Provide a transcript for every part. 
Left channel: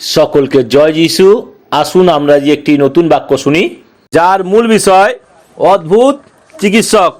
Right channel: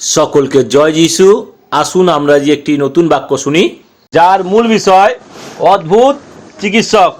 সকলকে জয় যিশু। আসুন আমরা যে একটি নতুন বাক্য শুনি। যার মূল বিষয় অদ্ভুত চিকিৎসক।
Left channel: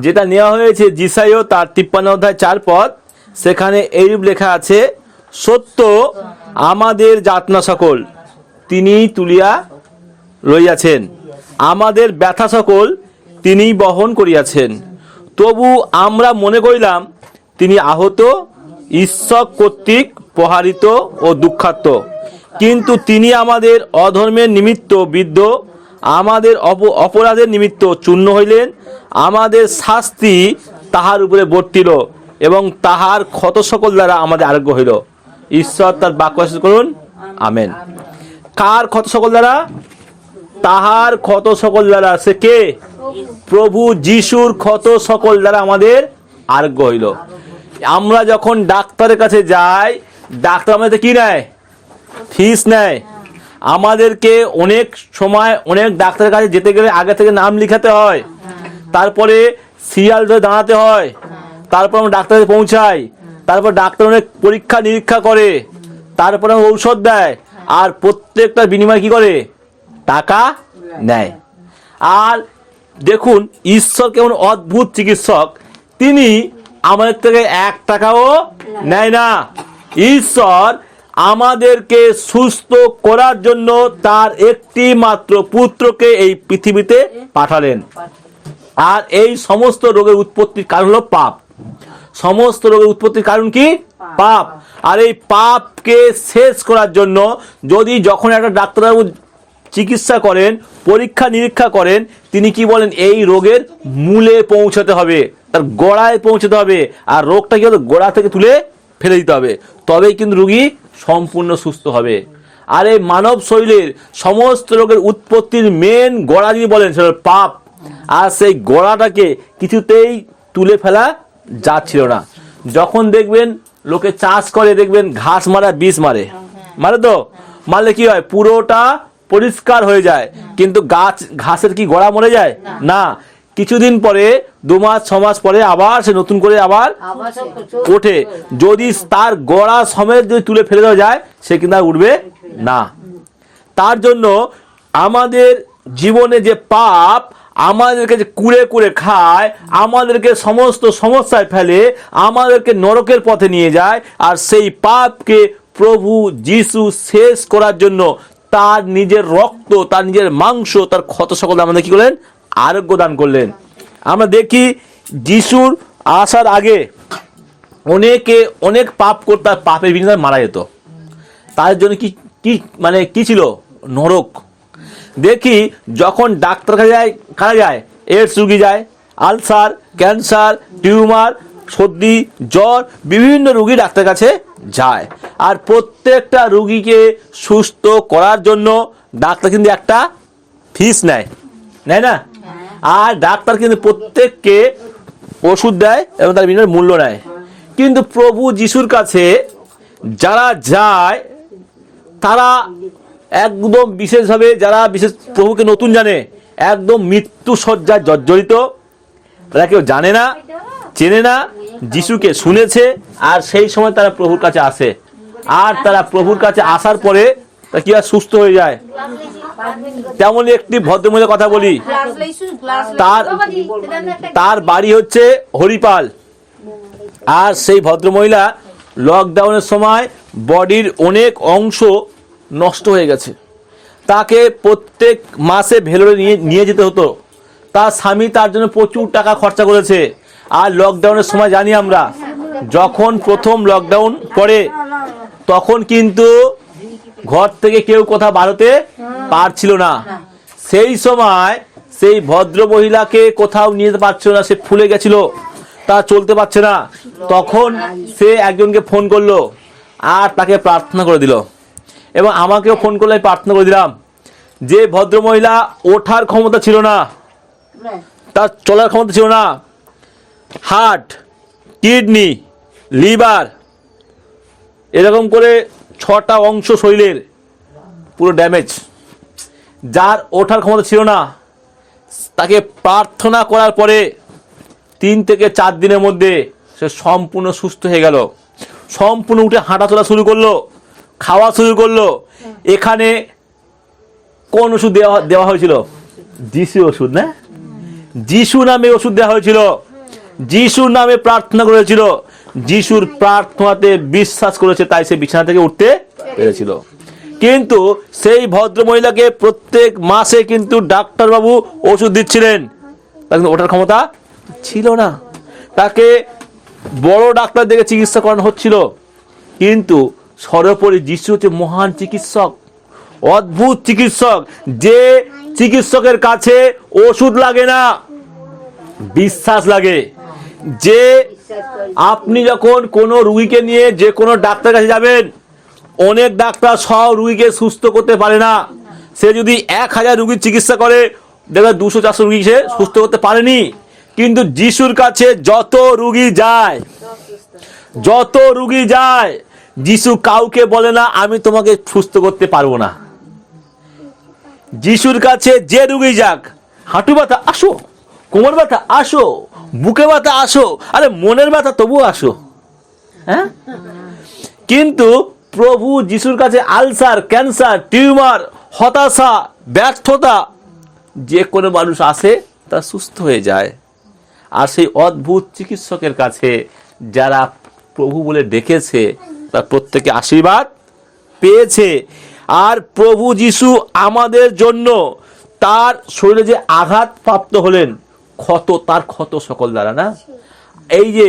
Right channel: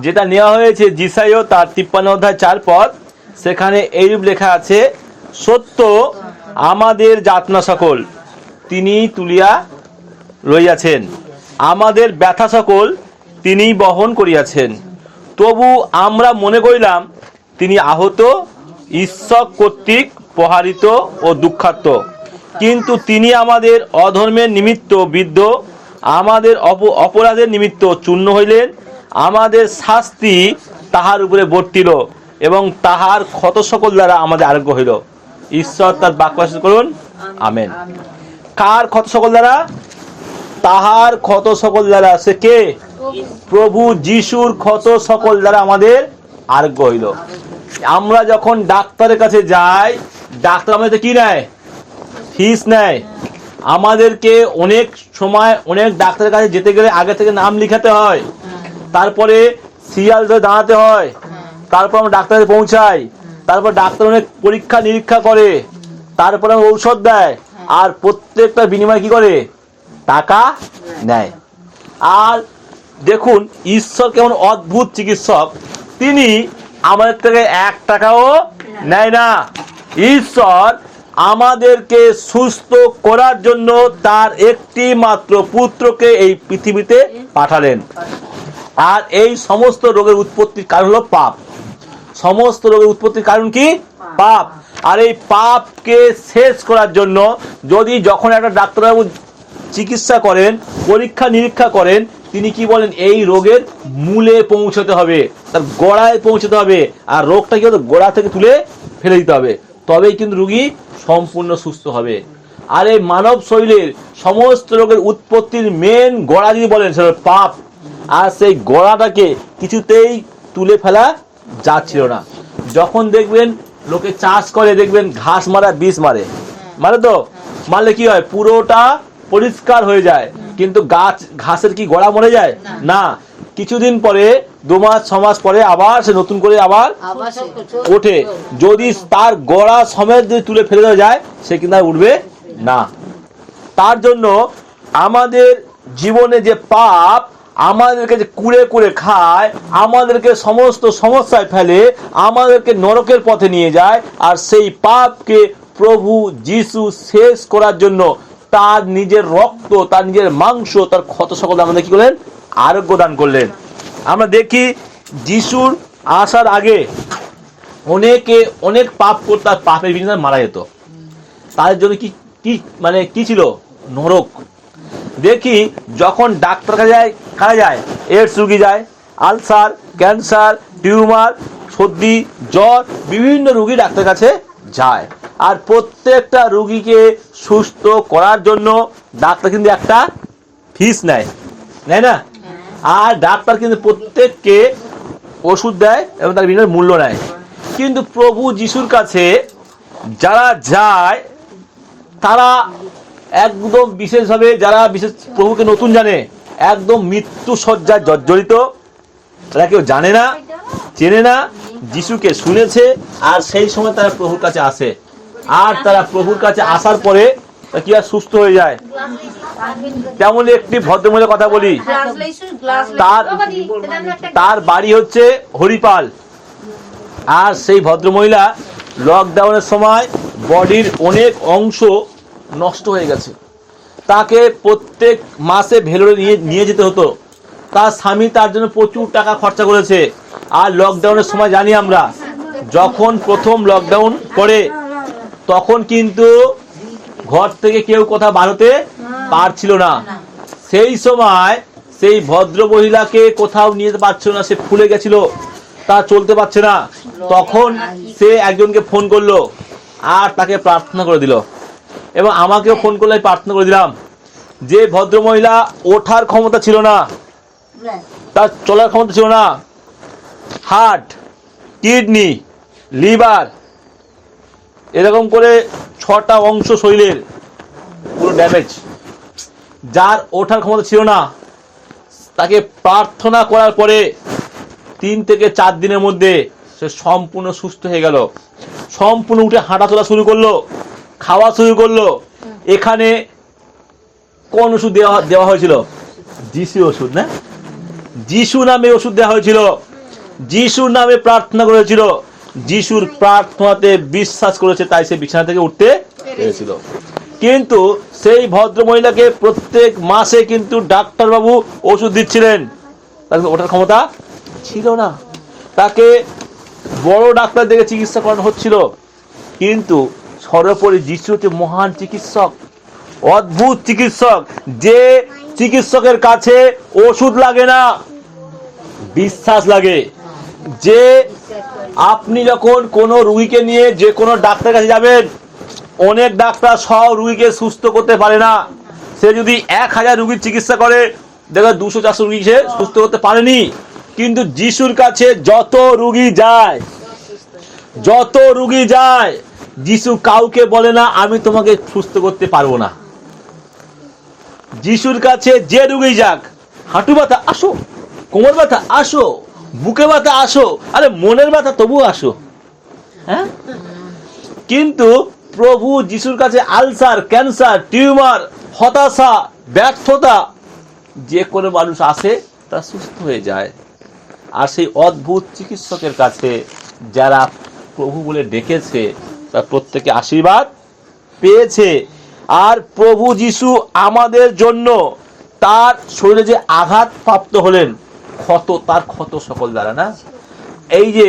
যেটা নেওয়া হয়েছে জিসাইও তার তিপ্পান্ন অধ্যায় চার পদ। সেখানে এইরূপ লেখা আছে, সত্য আমাদের যাতনা সকল তিনি তুলিয়া রইয়াছেন। আমাদের ব্যথা সকল তিনি বহন করিয়াছেন। তবু আমরা মনে করিলাম, তিনি আহত, ঈশ্বর কর্তৃক প্রহারিত ও দুঃখার্ত। কিন্তু তিনি আমাদের অধর্মের নিমিত্ত বিদ্ধ, আমাদের অপ- অপরাধের নিমিত্ত চূর্ণ হইলেন, আমাদের শাস্তি তাহার উপরে বর্তিল এবং তাহার ক্ষত সকল দ্বারা আমাদের আরোগ্য হইল। ঈশ্বর তার বাক্য করুন। আমেন। কার ক্ষত সকল দ্বারা? তাহার ক্ষত সকল দ্বারা। সে কে? প্রভু যিশুর ক্ষত সকল দ্বারা আমাদের আরোগ্য হইল। আমরা যখন ডাক্তারের কাছে যাই ডাক্তার আমাদের কি নেয়? ফিস নেয়। আমাদেরকে অনেক সময় অনেক ডাক্তারের কাছে যেতে গেলে আগে থেকে নাম লিখাতে হয়। তারপরে সিরিয়াল ধরে দাঁড়াতে হয়। তারপর আমরা ডাক্তারে পৌঁছাই। তারপর ডাক্তার অনেক পরীক্ষা নিরীক্ষা করে। তারপর ঔষধ দেয়। আর প্রত্যেকটা বিনিময় কি করে? টাকা নেয়। আর দেখুন, ঈশ্বর কেমন অদ্ভুত চিকিৎসক। তিনি আমাদের থেকে এক টাকাও নেয় না। ঈশ্বর আমাদেরকে সুস্থ করার জন্য তার একটি মাত্র পুত্রকে এই পৃথিবীতে পাঠালেন। আর এই সমস্ত রোগের উৎপত্তির কারণ হলো পাপ। সমস্ত রোগের উৎপত্তির কারণ কি? পাপ। আর এই পাপকে শেষ করার জন্য যদি যখন একটা ডাক্তারবাবু চিকিৎসা করেন পরীক্ষা নিরীক্ষা করেন তিনি কি বলেন? এই রোগের মূলে পৌঁছাতে হবে তার গোড়ায় পৌঁছাতে হবে আর রোগটা কি হবে গোড়া থেকে তুলে ফেলে দিতে হবে। তবেই কিন্তু রুগী সম্পূর্ণ সুস্থ হবে। আর এই মানব শরীরের সমস্ত রোগের উৎপত্তির মেন গোড়া যদি বলেন সেটা পাপ। আর সেই গোড়াটাকে কিছুতেই তুলে ফেলা যাচ্ছিল না। যখন দেখবেন লোকে চাষ করে দেখবেন ঘাস মারা বিষ মারে। মারে তো? মারলে কি হয়? পুরোটা পরিষ্কার হয়ে যায়। কিন্তু গাছ ঘাসের কি গোড়া মরে যায়? না। কিছুদিন পরে দু মাস ছ মাস পরে আবার সে নতুন করে আবার ওঠে। যদি তার গোড়া সমেত যদি তুলে ফেলে দেওয়া যায় সে কিন্তু আর উঠবে না। তার জন্য আমাদের জীবনে যে পাপ আমাদেরকে যে কুড়ে কুড়ে খায় আমাদেরকে সমস্ত সমস্যায় ফেলে আমাদেরকে নরকের পথে নিয়ে যায় আর সেই পাপকে প্রভু যিশু শেষ করার জন্য তার নিজের রক্ত তার নিজের মাংস তার ক্ষত সকল আমাদের কি করলেন? আরোগ্য দান করলেন। আমরা দেখি যিশুর আসার আগে অনেকে, অনেক পাপ করতে আর পাপের বিনিময়ে মারা যেত। তার জন্য কি কি মানে কি ছিল? নরক। দেখি যখন ডাক্তার কাছে যায়, কারা যায়? এডস রুগী যায়। আলসার, ক্যান্সার, টিউমার, সর্দি, জ্বর, বিভিন্ন রুগী ডাক্তার কাছে যায়। আর প্রত্যেকটা রুগীকে সুস্থ করার জন্য ডাক্তার কিন্তু একটা ফিস নেয়। নেয় না? আর ডাক্তার কিন্তু প্রত্যেককে ওষুধ দেয় এবং তার বিভিন্ন মূল্য নেয়। কিন্তু প্রভু যিশুর কাছে যারা যায়, তারা একদম বিশেষভাবে যারা বিশেষ প্রভুকে নতুন জানে, একদম মৃত্যু সজ্জায় জর্জরিত, তারা কেউ জানে না, চেনে না, যিশুকে শুনেছে, আর সেই সময় তারা প্রভুর কাছে আসে। আর তারা প্রভুর কাছে আসার পরে তারা কি আর সুস্থ হয়ে যায়? তেমন একটি ভদ্রমহিলার কথা বলি। তার তার বাড়ি হচ্ছে হরিপাল। আর সেই ভদ্রমহিলা লকডাউনের সময় বডির অনেক অংশ নষ্ট হয়ে গেছে। তাকে প্রত্যেক মাসে ভেলোরে নিয়ে নিয়ে যেতে হতো। তার স্বামী তার জন্য প্রচুর টাকা খরচা করেছে। আর লকডাউনের সময় জানি আমরা, যখন প্রথম লকডাউন করে, তখন কিন্তু ঘর থেকে কেউ কোথাও বাড়তে পারছিল না। সেই সময় সেই ভদ্র মহিলাকে কোথাও নিয়ে যেতে পারছিল না, সে ফুলে গেছিল, তা চলতে পারছে না। তখন সে একজনকে ফোন করল আর তাকে প্রার্থনা করে দিল। এবং আমাকেও ফোন করলে প্রার্থনা করে দিলাম যে ভদ্র মহিলা ওঠার ক্ষমতা ছিল না, তার চলার ক্ষমতা ছিল না। হার্ট, কিডনি, লিভার, এরকম করে ছটা অংশ শরীরের পুরো ড্যামেজ। যার ওঠার ক্ষমতা ছিল না, তাকে প্রার্থনা করার পরে তিন থেকে চার দিনের মধ্যে সে সম্পূর্ণ সুস্থ হয়ে গেল। সম্পূর্ণ উঠে হাঁটাচলা শুরু করল, খাওয়া শুরু করল। এখানে কোন ওষুধ দেওয়া দেওয়া হয়েছিল? যিশু ওষুধ, না? যিশু নামে ওষুধ দেওয়া হয়েছিল। যিশুর নামে প্রার্থনা করেছিল। যিশুর প্রার্থনাতে বিশ্বাস করেছে, তাই সে বিছানা থেকে উঠতে পেরেছিল। কিন্তু সেই ভদ্র মহিলাকে প্রত্যেক মাসে কিন্তু ডাক্তারবাবু ওষুধ দিচ্ছিলেন। তার কিন্তু ওঠার ক্ষমতা ছিল না। তাকে বড় ডাক্তার দেখে চিকিৎসা করানো হচ্ছিল। কিন্তু সর্বোপরি যিশু হচ্ছে মহান চিকিৎসক, অদ্ভুত চিকিৎসক, যে চিকিৎসকের কাছে ওষুধ লাগে না, বিশ্বাস লাগে। যে আপনি যখন কোনো রুগীকে নিয়ে যে কোনো ডাক্তার কাছে যাবেন অনেক ডাক্তার সব রুগীকে সুস্থ করতে পারে না। সে যদি এক হাজার রুগীর চিকিৎসা করে, দেখবে দুশো, চারশো রুগী সে সুস্থ করতে পারেনি। কিন্তু যিশুর কাছে যত রুগী যায়, যত রুগী যায়, যিশু কাউকে বলে না, আমি তোমাকে সুস্থ করতে পারব না। যিশুর কাছে যে রুগী যাক, হাঁটু ব্যথা আসো, কোমর ব্যথা আসো, বুকে ব্যথা আসো, আরে মনের ব্যথা তবুও আসো। হ্যাঁ? কিন্তু প্রভু যিশুর কাছে আলসার, ক্যান্সার, টিউমার, হতাশা, ব্যর্থতা, যে কোনো মানুষ আসে, তা সুস্থ হয়ে যায়। আর সেই অদ্ভুত চিকিৎসকের কাছে যারা প্রভু বলে ডেকেছে, তার প্রত্যেকে আশীর্বাদ পেয়েছে। আর প্রভু যিশু আমাদের জন্য তার শরীরে যে আঘাত প্রাপ্ত হলেন, ক্ষত, তার ক্ষত সকল দ্বারা না? এই যে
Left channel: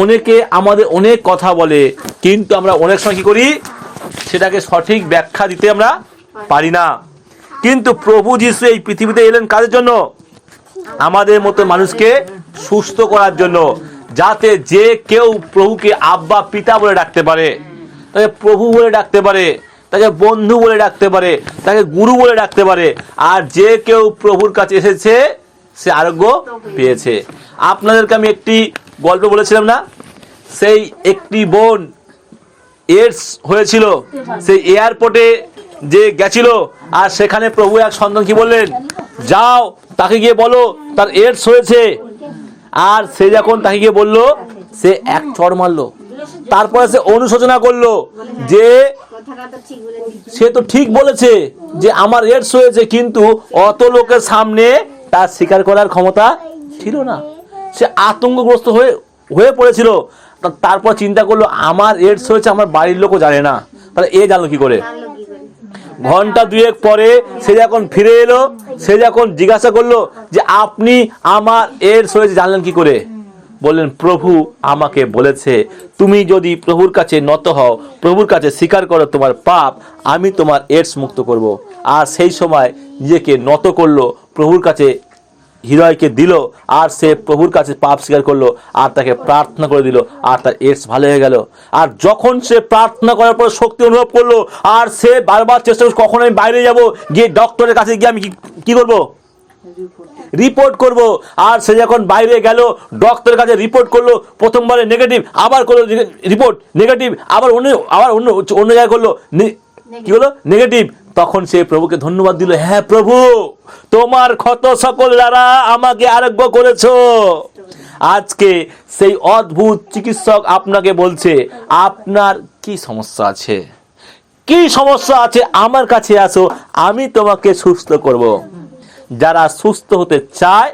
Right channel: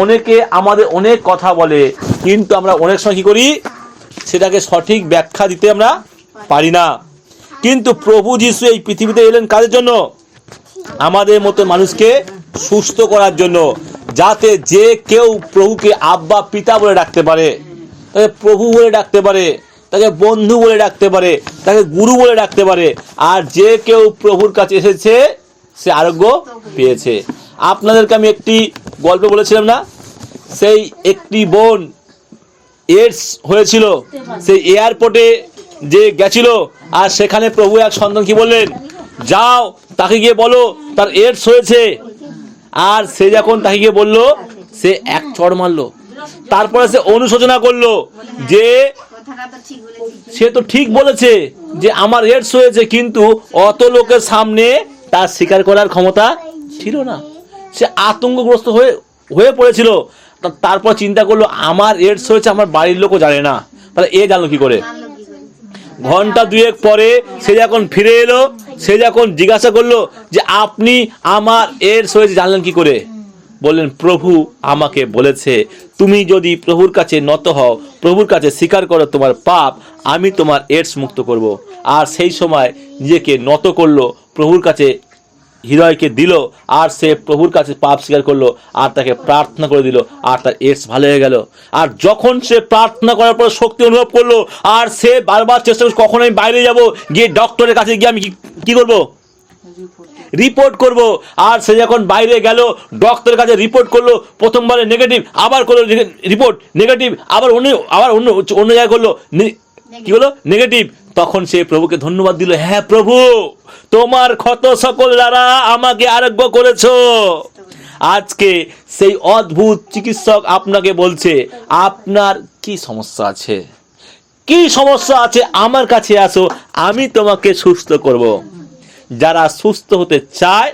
অনেকে আমাদের অনেক কথা বলে, কিন্তু আমরা অনেক সময় কি করি? সেটাকে সঠিক ব্যাখ্যা দিতে আমরা পারি না। কিন্তু প্রভু যিশু এই পৃথিবীতে এলেন কাদের জন্য? আমাদের মতো মানুষকে সুস্থ করার জন্য, যাতে যে কেউ প্রভুকে আব্বা, পিতা বলে ডাকতে পারে, তাকে প্রভু বলে ডাকতে পারে, তাকে বন্ধু বলে ডাকতে পারে, তাকে গুরু বলে ডাকতে পারে, আর যে কেউ প্রভুর কাছে এসেছে, সে আরোগ্য পেয়েছে। আপনাদেরকে আমি একটি গল্প বলেছিলাম না? সেই একটি বোন এডস হয়েছিল। সেই এয়ারপোর্টে যে গেছিল, আর সেখানে প্রভু এক সন্তান কি বললেন? যাও, তাকে গিয়ে বলো, তার এডস হয়েছে। আর সে যখন তাকে গিয়ে বলল, সে এক চড় মারলো। তারপরে সে অনুশোচনা করল যে সে তো ঠিক বলেছে যে আমার এডস হয়েছে, কিন্তু অত লোকের সামনে তার স্বীকার করার ক্ষমতা ছিল না। সে আতঙ্কগ্রস্ত হয়ে হয়ে পড়েছিল। তারপর চিন্তা করল, আমার এডস হয়েছে, আমার বাড়ির লোকও জানে না। তাহলে এ জানলো কি করে? ঘণ্টা দুয়েক পরে সে যখন ফিরে এলো, সে যখন জিজ্ঞাসা করল যে, আপনি আমার এডস হয়েছে, জানলেন কি করে? বললেন, প্রভু আমাকে বলেছে, তুমি যদি প্রভুর কাছে নত হও, প্রভুর কাছে স্বীকার করো তোমার পাপ, আমি তোমার এডস মুক্ত করব। আর সেই সময় নিজেকে নত করল, প্রভুর কাছে হৃদয়কে দিল, আর সে প্রভুর কাছে পাপ স্বীকার করল, আর তাকে প্রার্থনা করে দিল, আর তার এডস ভালো হয়ে গেল। আর যখন সে প্রার্থনা করার পর শক্তি অনুভব করল, আর সে বারবার চেষ্টা করছে কখন আমি বাইরে যাব? গিয়ে ডক্টরের কাছে গিয়ে আমি কি- করব? রিপোর্ট করব। আর সে যখন বাইরে গেল, ডক্টরের কাছে রিপোর্ট করল, প্রথমবারে নেগেটিভ, আবার করল রিপোর্ট, নেগেটিভ, আবার অন্য আবার অন্য অন্য জায়গায় করল কি হলো নেগেটিভ তখন সে প্রভুকে ধন্যবাদ দিল হ্যাঁ প্রভু, তোমার ক্ষত সকল দ্বারা আমাকে আরোগ্য করেছ। আজকে সেই অদ্ভুত চিকিৎসক আপনাকে বলছে, আপনার কি সমস্যা আছে? কি সমস্যা আছে? আমার কাছে আসো, আমি তোমাকে সুস্থ করব। যারা সুস্থ হতে চায়,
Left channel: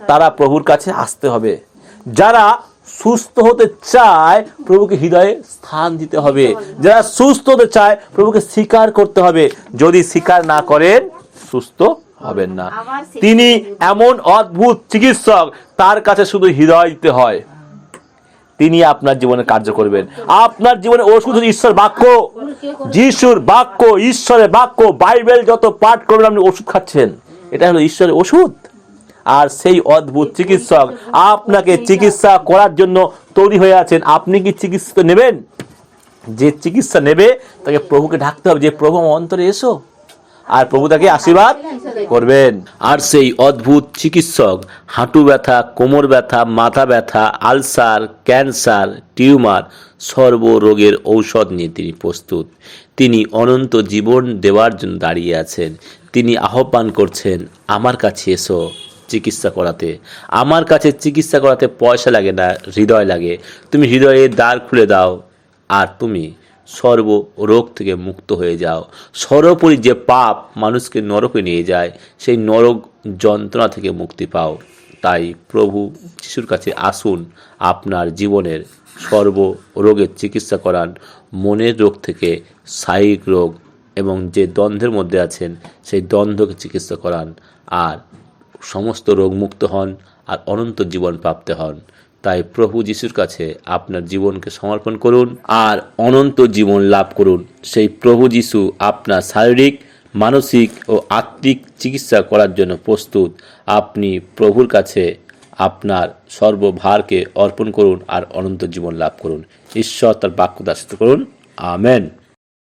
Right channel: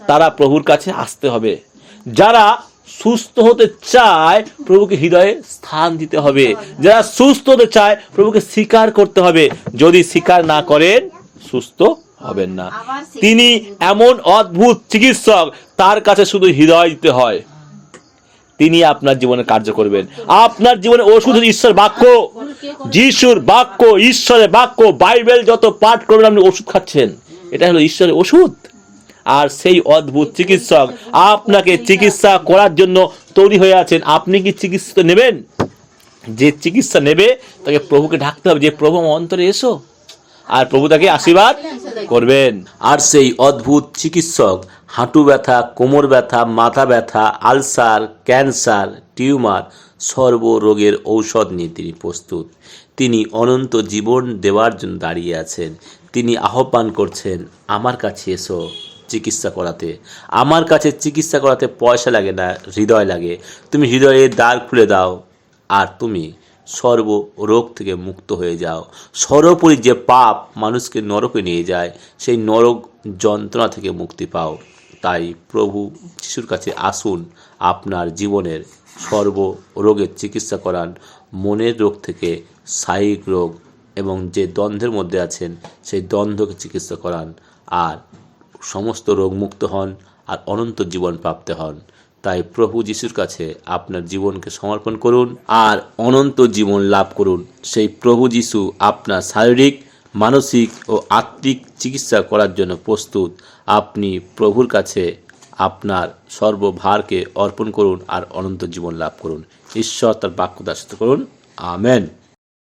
তারা প্রভুর কাছে আসতে হবে। যারা সুস্থ হতে চায় প্রভুকে হৃদয়ে স্থান দিতে হবে। যারা সুস্থ হতে চায় প্রভুকে স্বীকার করতে হবে। যদি স্বীকার না করেন সুস্থ হবেন না। তিনি এমন অদ্ভুত চিকিৎসক তার কাছে শুধু হৃদয় দিতে হয়। তিনি আপনার জীবনে কার্য করবেন। আপনার জীবনে ওষুধ ঈশ্বর বাক্য। যিশুর বাক্য ঈশ্বরের বাক্য বাইবেল যত পাঠ করবেন আপনি ওষুধ খাচ্ছেন। এটা হলো ঈশ্বরের ওষুধ। আর সেই অদ্ভুত চিকিৎসক আপনাকে চিকিৎসা করার জন্য তৈরি হয়ে আছেন। আপনি কি চিকিৎসা নেবেন? যে চিকিৎসা নেবে, তাকে প্রভুকে ঢাকতে হবে। যে প্রভু অন্তরে এসো আর প্রভু তাকে আশীর্বাদ করবেন। আর সেই অদ্ভুত চিকিৎসক, হাঁটু ব্যথা, কোমর ব্যথা, মাথা ব্যথা, আলসার, ক্যান্সার, টিউমার সর্বরোগের ঔষধ নিয়ে তিনি প্রস্তুত। তিনি অনন্ত জীবন দেওয়ার জন্য দাঁড়িয়ে আছেন। তিনি আহ্বান করছেন, আমার কাছে এসো। চিকিৎসা করাতে। আমার কাছে চিকিৎসা করাতে পয়সা লাগে না, হৃদয় লাগে। তুমি হৃদয়ে দ্বার খুলে দাও আর তুমি সর্ব রোগ থেকে মুক্ত হয়ে যাও। সর্বোপরি যে পাপ মানুষকে নরকে নিয়ে যায়, সেই নরক যন্ত্রণা থেকে মুক্তি পাও। তাই প্রভু যিশুর কাছে আসুন, আপনার জীবনের সর্ব রোগের চিকিৎসা করান। মনের রোগ থেকে শারীরিক রোগ এবং যে দ্বন্দ্বের মধ্যে আছেন, সেই দ্বন্দ্বকে চিকিৎসা করান। আর সমস্ত রোগ মুক্ত হন আর অনন্ত জীবন প্রাপ্ত হন। তাই প্রভু যিশুর কাছে আপনার জীবনকে সমর্পণ করুন আর অনন্ত জীবন লাভ করুন। সেই প্রভু যিশু আপনার শারীরিক, মানসিক ও আত্মিক চিকিৎসা করার জন্য প্রস্তুত। আপনি প্রভুর কাছে আপনার সর্বভারকে অর্পণ করুন আর অনন্ত জীবন লাভ করুন। ঈশ্বর তার বাক্য দাসিত করুন। আমেন।